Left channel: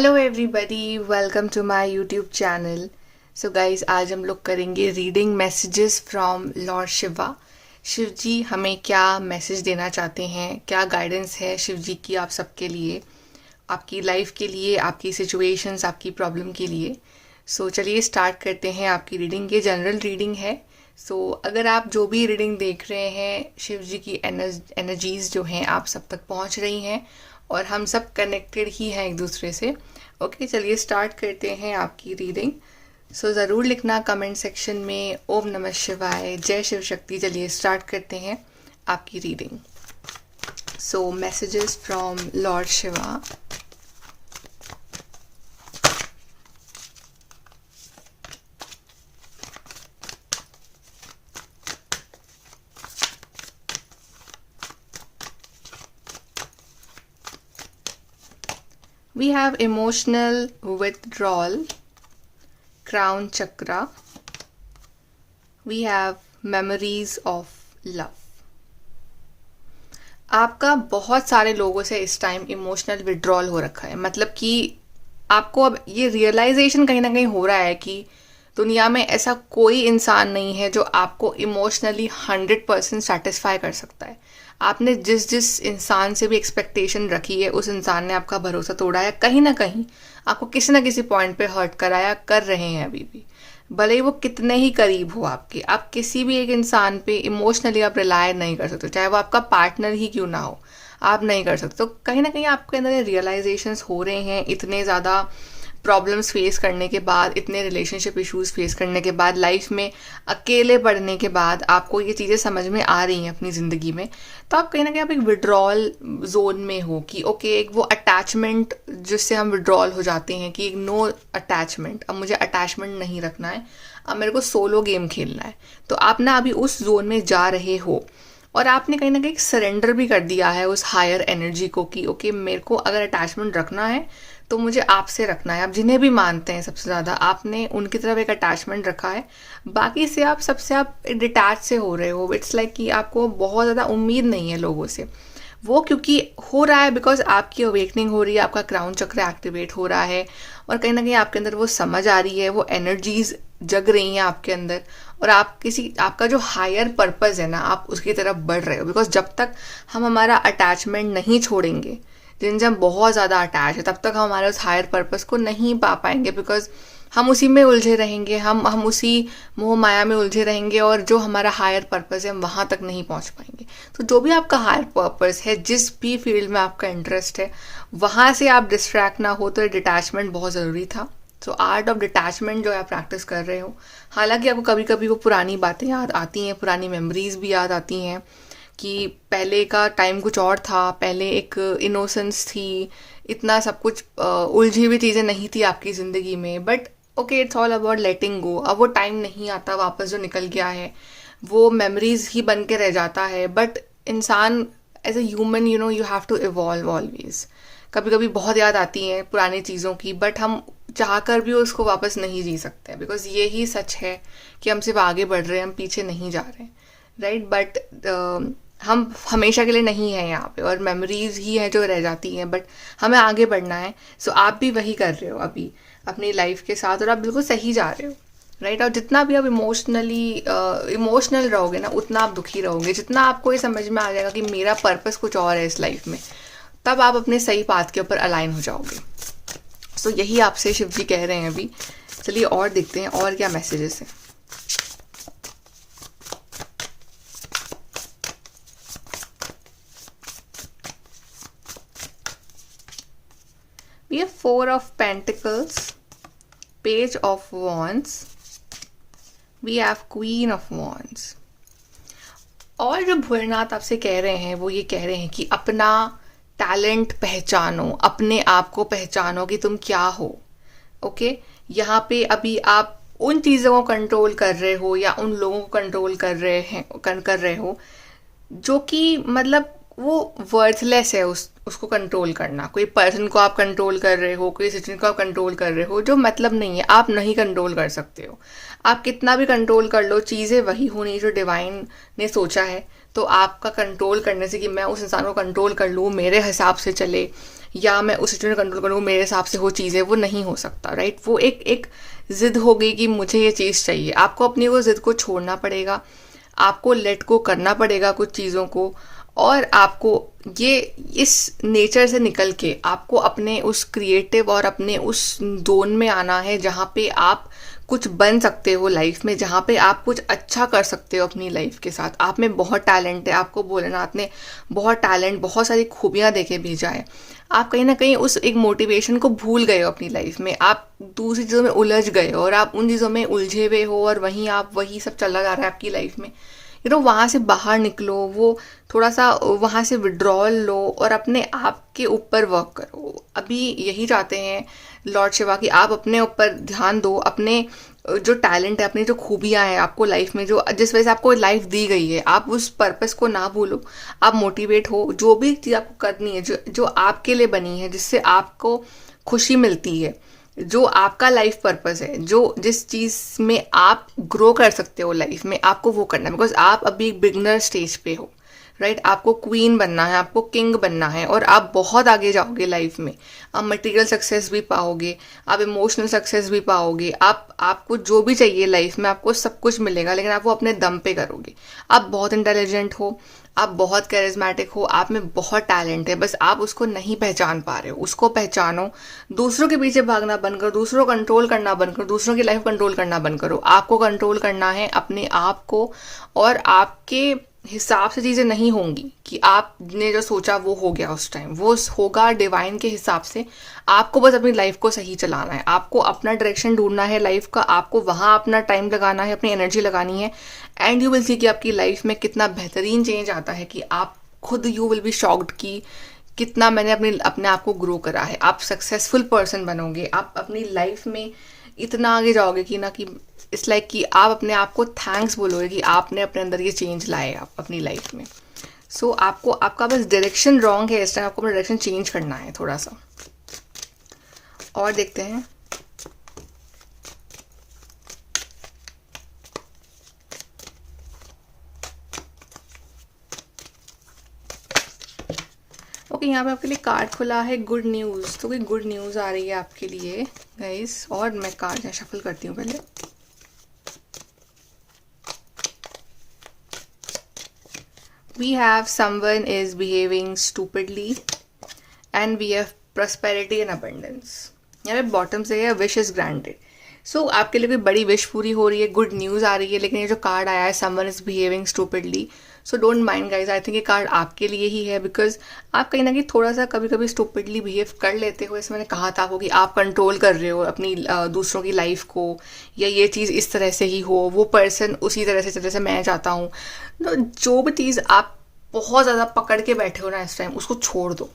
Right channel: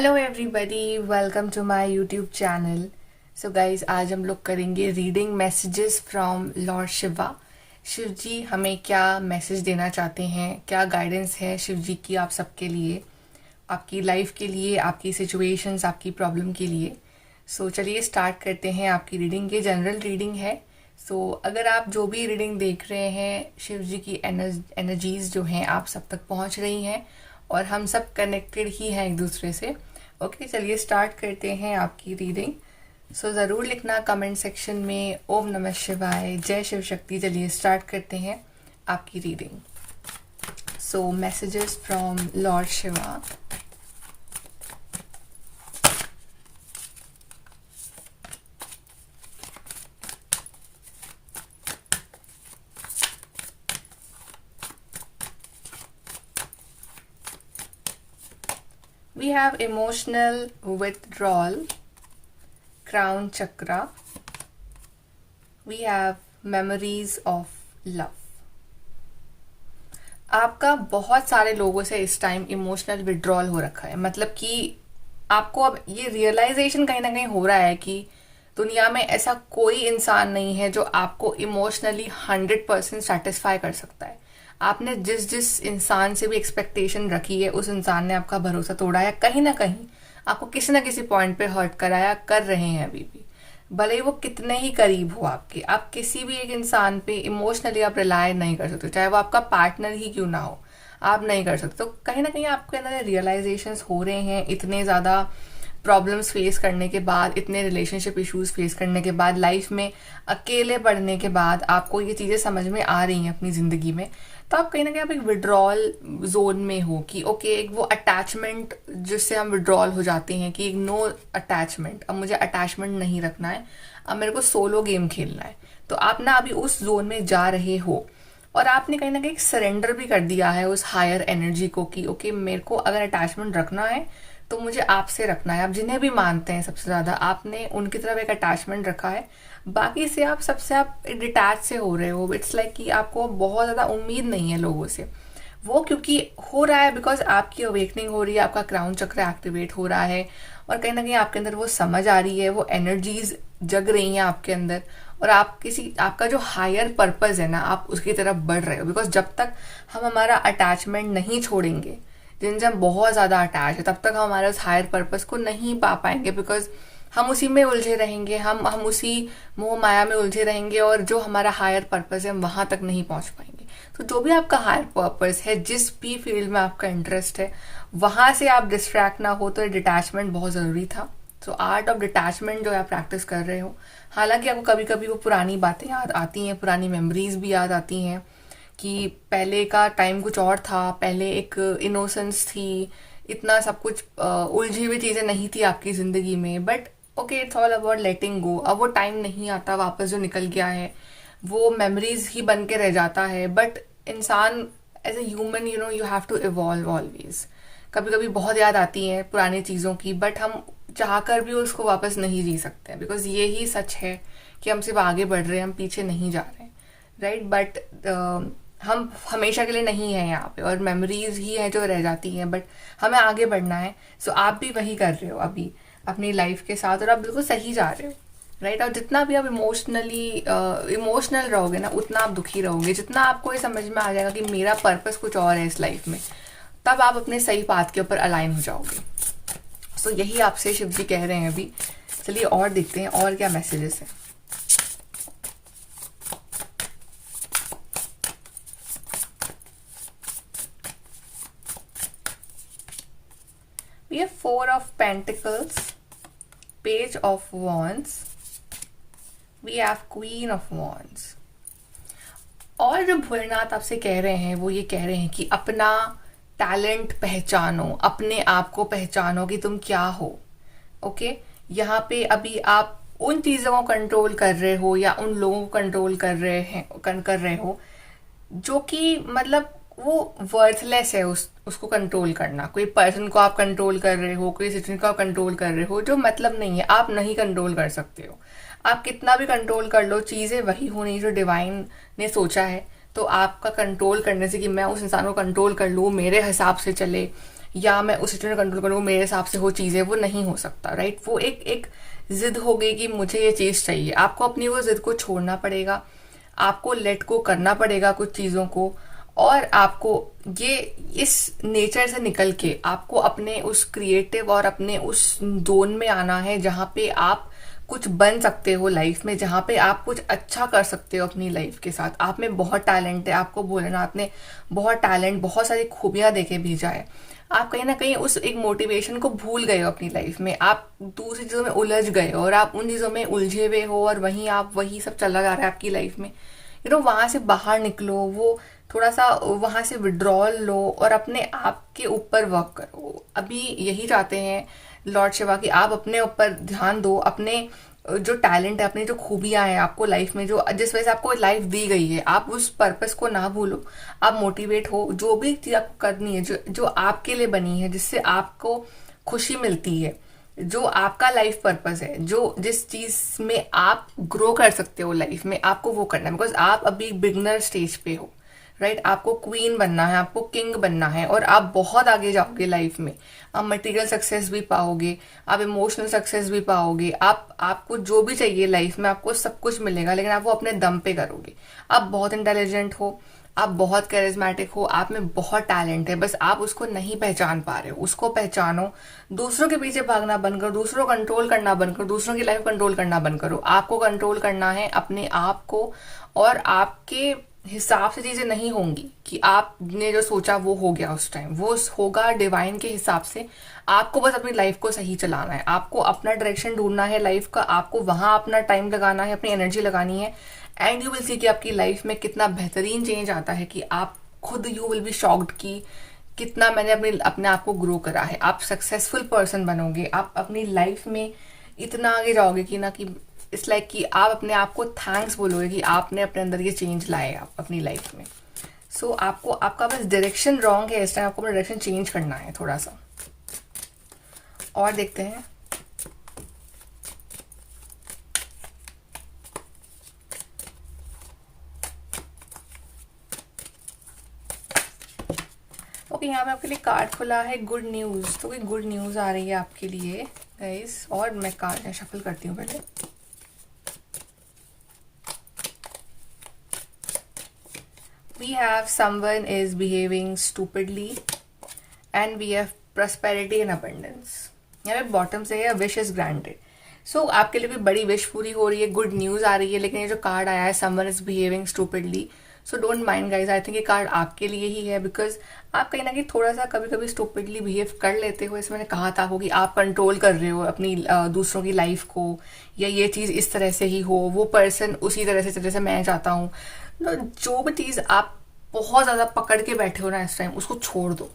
Hello everybody, welcome to my YouTube channel. So guys, आज हम लोग करेंगे reading messages from lord Shiva. Shiv ji हमें क्या मैसेज देना चाहते हैं, क्या गाइडेंस है शिव जी की आप सबके लिए, आपकी लाइफ के लिए, आपकी सिचुएशंस, आपकी प्रॉब्लम के लिए। सो चलिए स्टार्ट करते हैं आपकी रीडिंग। ये जनरल रीडिंग है। सो अगर आप जो भी रीडिंग देख रहे हैं, शिव जी की एनर्जीज जो हैं आप सब तक पहुंच रही हैं और हम सब कनेक्टेड ही हैं एक दूसरे से। ओके, चलिए स्टार्ट करते हैं आपकी रीडिंग। सो ज़रूर लिखना कमेंट सेक्शन में ओम नमः शिवाय, जय शिव शक्ति। चलिए स्टार्ट करते हैं आपकी reading. So messages from lord Shiva. We have emotional withdrawal, crown chakra. We have memories of love. आपका बहुत सारे लोगों से इस टाइम इमोशनल विड्रॉल हो रखा है। मतलब कि आपको अब ये रियलाइजेशन कहीं ना कहीं हो रहा है कि दुनिया में ऐसा कोई इंसान नहीं है जो आपको इमोशनली 100% सेटिस्फाई कर सकता है। आपने जिस जिस इंसान से भी एक्सपेक्टेशन रखी है, उस इंसान ने आपका भरोसा तोड़ा है। कहीं ना कहीं आपको किसी ना किसी पॉइंट पे हर्ट कराया कर रहे हैं अभी भी, भले ही वो कितने ही करीब हो आपके। आप किसी भी एक इंसान पे इमोशनली आप रिलाय नहीं कर सकते, चाहे वो आपका पार्टनर ही क्यों ना हो, आप नहीं कर सकते। तो कहीं ना कहीं आपके अंदर रियलाइजेशंस हो रहे हैं। इतने ज़्यादा प्रॉब्लम्स फेस करने के बाद, इतने रिलेशनशिप इश्यूज फेस करने के बाद, लाइफ में अकेले पढ़ने के बाद आपको ये चीज़ें समझ में आ रही हैं अपनी ज़िंदगी में। तो आप कहीं ना कहीं आप एक विड्रॉल जोन में हो कि ओके, एक वो अटैचमेंट जिससे हम विड्रॉल हो जाते हैं कि नो अटैचमेंट, अब मुझे अटैचमेंट नहीं रखना है, अब मेरे को सोलो गेम खेलना है। तो आप ना अभी उस जोन में जा रहे हो और आपने कहीं ना कहीं सरेंडर भी कर दिया है उस हायर एनर्जी को कि ओके, मेरे को अगर अटैचमेंट रखना है तो मुझे आपसे रखना है। आप जिन्हें भी मानते हैं सबसे ज़्यादा, आपने उनकी तरफ एक अटैचमेंट रखा है। बाकी से आप सबसे आप डिटैच से हो रहे हो। इट्स लाइक कि आपको बहुत ज़्यादा उम्मीद नहीं है लोगों से। वो क्योंकि हो रहा है बिकॉज आपकी अवेकनिंग हो रही है, आपका क्राउन चक्र एक्टिवेट हो रहा है और कहीं ना कहीं आपके अंदर वो समझ आ रही है, वो एनर्जीज जग रही हैं आपके अंदर और आप किसी आपका जो हायर पर्पस है ना, आप उसकी तरफ बढ़ रहे हो। बिकॉज जब तक हम हमारा अटैचमेंट नहीं छोड़ेंगे, जिनसे हम बहुत ज़्यादा अटैच है, तब तक हम हमारे उस हायर पर्पस को नहीं पा पाएंगे। बिकॉज हम उसी में उलझे रहेंगे, हम उसी मोह माया में उलझे रहेंगे और जो हमारा हायर पर्पस है हम वहाँ तक नहीं पहुँच पाएंगे। तो जो भी आपका हायर पर्पस है, जिस भी फील्ड में आपका इंटरेस्ट है, वहाँ से आप डिस्ट्रैक्ट ना हो, तो डिटैचमेंट बहुत ज़रूरी था। सो आर्ट ऑफ डिटैचमेंट जो आप प्रैक्टिस कर रहे हो, हालांकि आपको कभी कभी वो पुरानी बातें याद आती हैं, पुरानी मेमोरीज भी याद आती हैं कि पहले का टाइम कुछ और था, पहले एक इनोसेंस थी, इतना सब कुछ उलझी हुई चीज़ें नहीं थी आपकी ज़िंदगी में। But okay, it's all about letting go. अब वो टाइम नहीं आता वापस, जो निकल गया है वो मेमोरीज ही बन के रह जाता है। बट इंसान as a human, you have to evolve always. कभी कभी बहुत याद आती हैं पुरानी चीज़ों की, बट हम चाहकर भी उसको वापस नहीं जी सकते, बिकॉज ये ही सच है कि हम सिर्फ आगे बढ़ रहे हैं, हम पीछे नहीं जा रहे हैं, राइट। बट हम हमेशा के लिए नहीं है यहाँ पे और मेमोरीज ही है जो रह जाती हैं, बट हमें आगे बढ़ना है। सो आप भी वही कर रहे हो अभी अपनी लाइफ के साथ और आप बिल्कुल सही जा रहे हो, राइट। और जितना भी आप इमोशनल रहोगे ना, उतना आप दुखी रहोगे। जितना आपको ये समझ में आ जाएगा कि मेरा पर्पस कुछ और है इस लाइफ में, तब आप अपने सही पाथ के ऊपर अलाइन हो जाओगे। सो यही आपसे शिव जी कह रहे हैं अभी। चलिए और देखते हैं और क्या मैसेजेस हैं। We have Four of Pentacles, Page of Wands, we have Queen of Wands। और जो भोलेनाथ आपसे कह रहे हैं वो ये कह रहे हैं कि अपना टैलेंट पहचानो, अपने आप को पहचानो कि तुम क्या हो। ओके, यहाँ पे अभी आप उन चीज़ों को कंट्रोल कर रहे हो या उन लोगों को कंट्रोल कर रहे हो जो कि मतलब वो वर्थलेस है। उसको कंट्रोल करना, कोई पर्सन को आप कंट्रोल कर रहे हो, कोई सिचुएशन को आप कंट्रोल कर रहे हो जो मतलब नहीं है, आप नहीं कंट्रोल कर सकते हो। आप कितना भी कंट्रोल कर लो, चीज़ें वही होनी जो डिवाइन ने सोचा है। तो आपका कंट्रोल करने से कि मैं उस इंसान को कंट्रोल कर लूँ, मेरे हिसाब से चले, या मैं उस सिचुएशन कंट्रोल करूँ, मेरे हिसाब से वो चीज़ें, वो नहीं हो सकता, राइट। वो एक एक जिद हो गई कि मुझे ये चीज़ चाहिए। आपको अपनी वो जिद को छोड़ना पड़ेगा, आपको लेट को करना पड़ेगा कुछ चीज़ों को, और आपको ये इस नेचर से निकल के आपको अपने उस क्रिएटिव और अपने उस जोन में आना है जहाँ पे आप कुछ बन सकते हो लाइफ में, जहाँ पे आप कुछ अच्छा कर सकते हो अपनी लाइफ के साथ। आप में बहुत टैलेंट है, आपको भोलेनाथ ने बहुत टैलेंट, बहुत सारी खूबियाँ देके भेजा है। आप कहीं ना कहीं उस एक मोटिवेशन को भूल गए हो अपनी लाइफ में, आप दूसरी चीज़ों में उलझ गए हो और आप उन चीज़ों में उलझे हुए हो, और वहीं आप वही सब चला जा रहा है आपकी लाइफ में। वहाँ से बाहर निकलो, वो थोड़ा सा वहाँ से विड्रॉल लो और अपने आप के ऊपर वर्क करो। अभी यही चाहते हैं लॉर्ड शिवा कि आप अपने ऊपर ध्यान दो, अपने जो टैलेंट है, अपनी जो खूबियाँ हैं आपको लाइफ में, जो जिस वजह से आपको लाइफ दी गई है, आप उस पर्पस को ना भूलो। आप मोटिवेट हो, जो भी चीज़ आपको करनी है, जो जो आपके लिए बनी है, जिससे आपको खुशी मिलती है, जो आपका लाइफ पर्पस है, जो जिस चीज में आप ग्रो कर सकते हो लाइफ में, आपको वो करना है। बिकॉज आप अभी एक बिगनर स्टेज पे हो, राइट। आपको क्वीन बनना है, आपको किंग बनना है, और आप बहुत आगे जाओगे लाइफ में। आप मटेरियल सक्सेस भी पाओगे, आप इमोशनल सक्सेस भी पाओगे, आपको जो भी चाहिए लाइफ में आपको सब कुछ मिलेगा, लेकिन आप वो अपने दम पे करोगे। आप बहुत इंटेलिजेंट हो, आप बहुत करिज्मेटिक हो, आप में बहुत टैलेंट है, बस आप उसको नहीं पहचान पा रहे हो। उसको पहचानो, दूसरों के पीछे भागना बंद करो, दूसरों को कंट्रोल करना बंद करो, दूसरों की लाइफ कंट्रोल करना बंद करो। आपको कंट्रोल करना है अपने आप को, और आपके हिसाब से चीजें नहीं होंगी कि आपने जो सोचा वो हो गया उस टाइम, वो होगा डिवाइन के हिसाब से। आपको बस अपनी लाइफ को सही चलाना है, आपको अपना डायरेक्शन ढूंढना है लाइफ का, आपको वहां अपना टाइम लगाना है, अपनी एनर्जी लगानी है, एंड यू विल सी कि आपकी लाइफ में कितना बेहतरीन चेंज आता है कि आप खुद यू विल बी शॉक्ड कि कितना मैंने अपने आप को ग्रो करा है। आप सक्सेसफुल पर्सन बनोगे, आप अपनी लाइफ में इतना आगे जाओगे कि ना कि इट्स लाइक कि आप अपने आप को थैंक्स बोलोगे कि आपने अपने अंदर ये चेंज लाए आप अपनी लाइफ में। सो आपको, आपका बस डायरेक्शन रॉन्ग है इस टाइम, आपको अपना डायरेक्शन चेंज करना है थोड़ा सा। और देखते हैं। ओके, यहाँ पे आपके लिए कार्ड खुला है गुड न्यूज़। तो कोई गुड न्यूज़ आ रही है आपके लिए गाइस। और मैं कार्ड शफल करती हूँ पहले। We have someone is behaving stupidly and we have prosperity and abundance. यहाँ पे बॉटम से है विश इज ग्रांटेड। सो आपके लिए कोई बड़ी विश पूरी हो रही है, गुड न्यूज़ आ रही है। लेकिन ये जो कार्ड आया है someone is behaving stupidly, so don't mind guys, I think ये कार्ड आपके लिए ही है। बिकॉज आप कहीं ना कहीं थोड़ा सा कभी कभी स्टूपिडली बिहेव कर लेते हो। इसमें मैंने कहा था आपको कि आप कंट्रोल कर रहे हो अपनी दूसरों की लाइफ को, या ये चीज़ इस तरह से ही हो, वो पर्सन उसी तरह से जैसे मैं चाहता हूँ। जो भी चीज़ आप बहुत ज़्यादा पकड़ के बैठे हो ना इस टाइम, उसको छोड़ दो,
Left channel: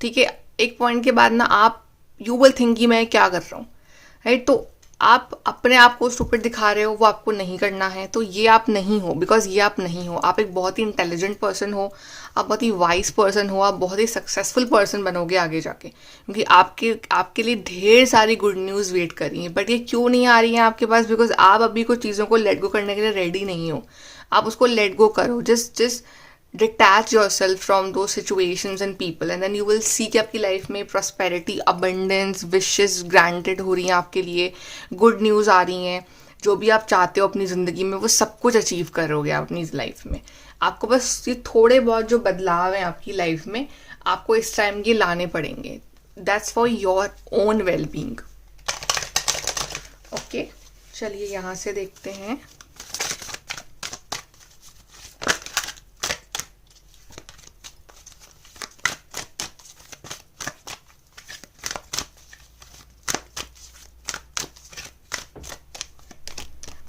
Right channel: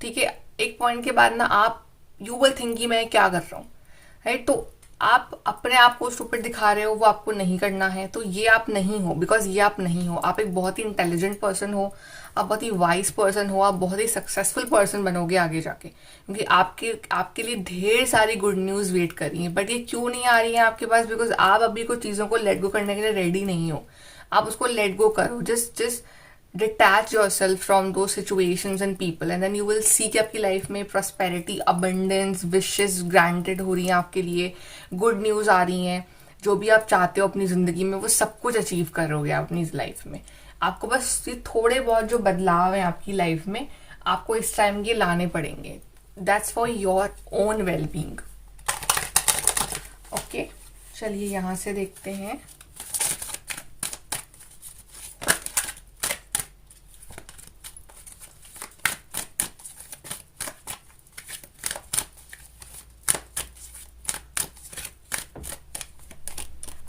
ठीक है। एक पॉइंट के बाद ना आप यू विल थिंक कि मैं क्या कर रहा हूँ, राइट। तो आप अपने आप को स्टूपिड दिखा रहे हो, वो आपको नहीं करना है। तो ये आप नहीं हो, बिकॉज ये आप नहीं हो। आप एक बहुत ही इंटेलिजेंट पर्सन हो, आप बहुत ही वाइज पर्सन हो, आप बहुत ही सक्सेसफुल पर्सन बनोगे आगे जाके, क्योंकि आपके लिए ढेर सारी गुड न्यूज़ वेट कर रही है। बट ये क्यों नहीं आ रही है आपके पास? बिकॉज आप अभी कुछ चीज़ों को लेट गो करने के लिए रेडी नहीं हो। आप उसको लेट गो करो, just detach yourself from those situations and people, and then you will see कि आपकी लाइफ में prosperity, abundance, wishes granted हो रही हैं आपके लिए, good news आ रही हैं। जो भी आप चाहते हो अपनी ज़िंदगी में वो सब कुछ अचीव करोगे आप अपनी लाइफ में। आपको बस ये थोड़े बहुत जो बदलाव हैं आपकी लाइफ में, आपको इस टाइम ये लाने पड़ेंगे। That's for your own well being. Okay, चलिए यहाँ से देखते हैं।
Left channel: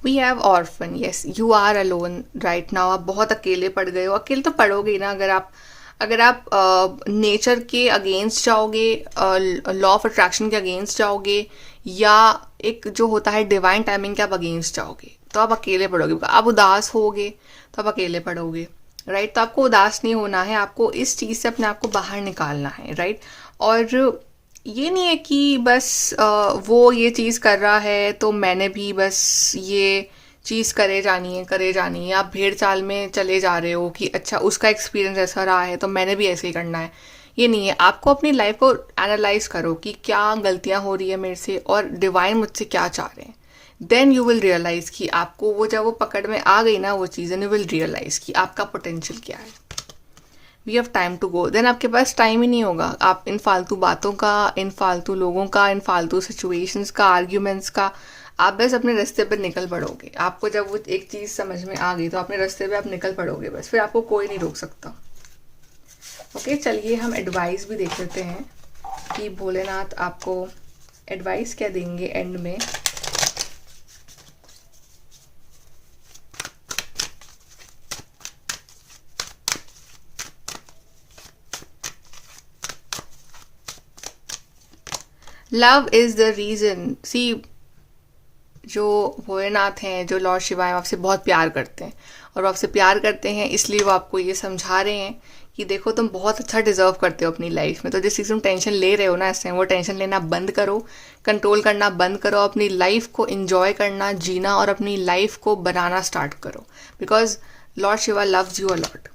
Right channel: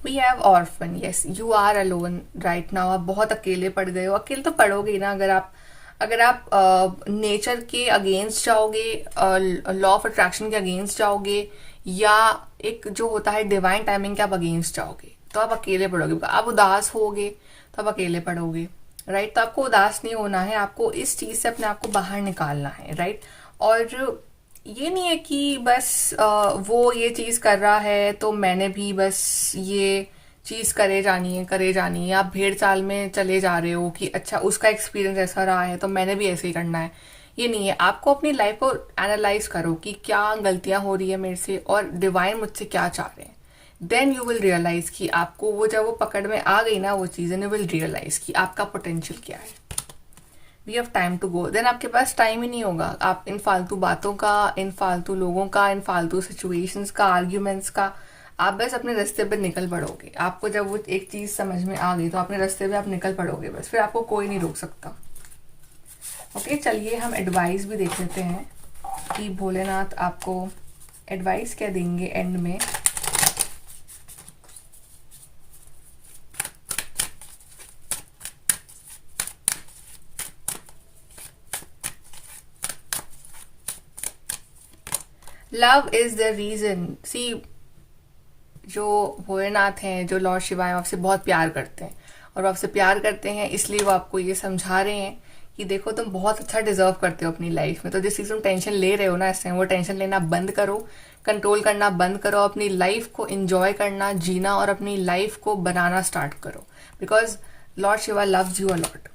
We have orphan, yes you are alone right now. आप बहुत अकेले पड़ गए हो। अकेले तो पड़ोगे ही ना अगर आप नेचर के अगेंस्ट जाओगे, लॉ ऑफ अट्रैक्शन के अगेंस्ट जाओगे, या एक जो होता है डिवाइन टाइमिंग के आप अगेंस्ट जाओगे, तो आप अकेले पड़ोगे। आप उदास होगे तो आप अकेले पड़ोगे, राइट। तो आपको उदास नहीं होना है, आपको इस चीज़ से अपने आप को बाहर निकालना है, राइट। और ये नहीं है कि बस वो ये चीज़ कर रहा है तो मैंने भी बस ये चीज़ करे जानी है। आप भेड़ चाल में चले जा रहे हो कि अच्छा उसका एक्सपीरियंस ऐसा रहा है तो मैंने भी ऐसे ही करना है। ये नहीं है। आपको अपनी लाइफ को एनालाइज करो कि क्या गलतियां हो रही है मेरे से और डिवाइन मुझसे क्या चाह रहे हैं। देन यू विल रियलाइज कि आपको वो जब वो पकड़ में आ गई ना वो चीज़, यू विल रियलाइज कि आपका पोटेंशियल क्या है। We have time to go. Then आपके पास टाइम ही नहीं होगा आप इन फालतू बातों का, इन फालतू लोगों का, इन फालतू सिचुएशंस का, आर्ग्यूमेंट्स का। आप बस अपने रास्ते पे निकल पड़ोगे। आपको जब वो एक चीज़ समझ में आ गई तो अपने रास्ते पे आप निकल पड़ोगे बस, फिर आपको कोई नहीं रोक सकता। ओके, चलिए हम एडवाइस भी देख लेते हैं कि भोलेनाथ आपको एडवाइस क्या देंगे एंड में। Love is the reason. See, जो भोलेनाथ हैं, जो लॉर्ड शिवा हैं, आपसे बहुत प्यार करते हैं और वो आपसे प्यार करते हैं इसलिए वो आपको ये समझा रहे हैं कि देखो तुम बहुत अच्छा डिजर्व करते हो अपनी लाइफ में। तो जिस चीज़ तुम टेंशन ले रहे हो ना इस टाइम, वो टेंशन लेना बंद करो, कंट्रोल करना बंद करो, अपनी लाइफ को इंजॉय करना, जीना और अपनी लाइफ को बनाना स्टार्ट करो। Because Lord Shiva loves you a lot.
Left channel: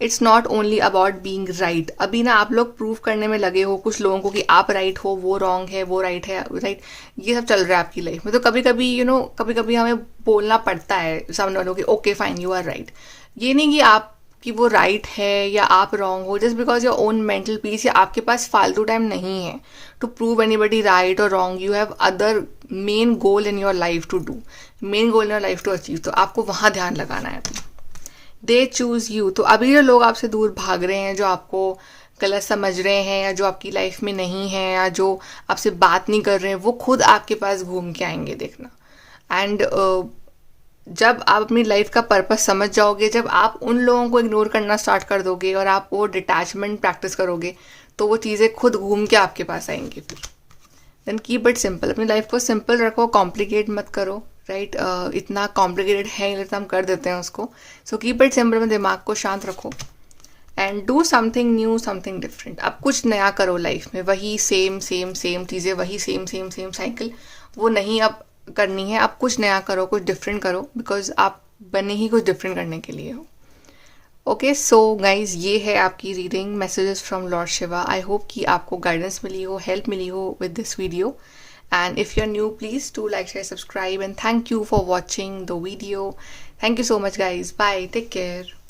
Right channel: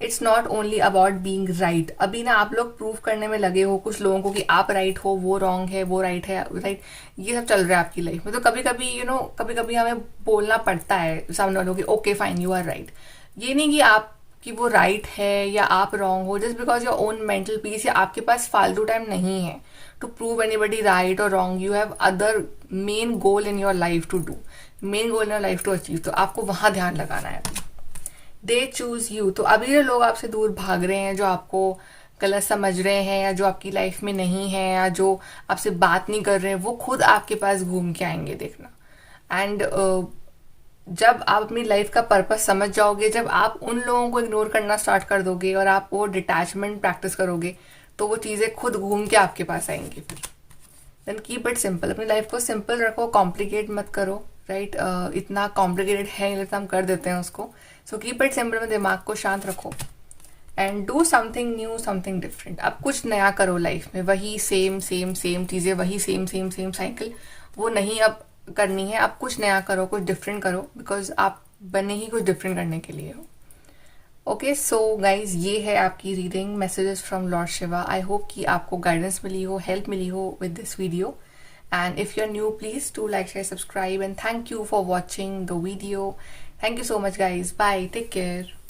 It's not only about being right. अभी ना आप लोग प्रूव करने में लगे हो कुछ लोगों को कि आप राइट हो, वो रॉन्ग है, वो राइट है, राइट, ये सब चल रहा है आपकी लाइफ में। तो कभी कभी कभी कभी हमें बोलना पड़ता है सामने वालों की okay fine you are right. ये नहीं कि आप कि वो राइट है या आप रॉन्ग हो, just because your own mental peace, या आपके पास फालतू टाइम नहीं है टू प्रूव एनीबडी राइट और wrong. You have other main goal in your life to do, main goal in your life to achieve. तो आपको वहां ध्यान लगाना है। They choose you. तो अभी जो लोग आपसे दूर भाग रहे हैं, जो आपको गलत समझ रहे हैं, या जो आपकी लाइफ में नहीं है, या जो आपसे बात नहीं कर रहे हैं, वो खुद आपके पास घूम के आएंगे, देखना। एंड जब आप अपनी लाइफ का पर्पस समझ जाओगे, जब आप उन लोगों को इग्नोर करना स्टार्ट कर दोगे और आप वो डिटैचमेंट प्रैक्टिस करोगे, तो वो चीज़ें खुद घूम के आपके पास आएंगी। फिर देन कीप इट सिंपल। अपनी लाइफ को सिंपल रखो, कॉम्प्लिकेट मत करो, राइट। इतना कॉम्प्लिकेटेड है इसलिए हम कर देते हैं उसको। सो कीप इट सिंपल में दिमाग को शांत रखो and do something new, something different. अब कुछ नया करो लाइफ में। वही सेम सेम सेम चीज़ें, वही सेम सेम सेम साइकिल, वो नहीं अब करनी है। आप कुछ नया करो, कुछ डिफरेंट करो, बिकॉज आप बने ही कुछ डिफरेंट करने के लिए हो। ओके, सो गाइज, ये है आपकी reading messages from lord Shiva. I hope कि आपको गाइडेंस मिली हो, हेल्प मिली हो with this video. And if you're new, please do like, share, subscribe, and thank you for watching the video. Thank you so much, guys. Bye. Take care.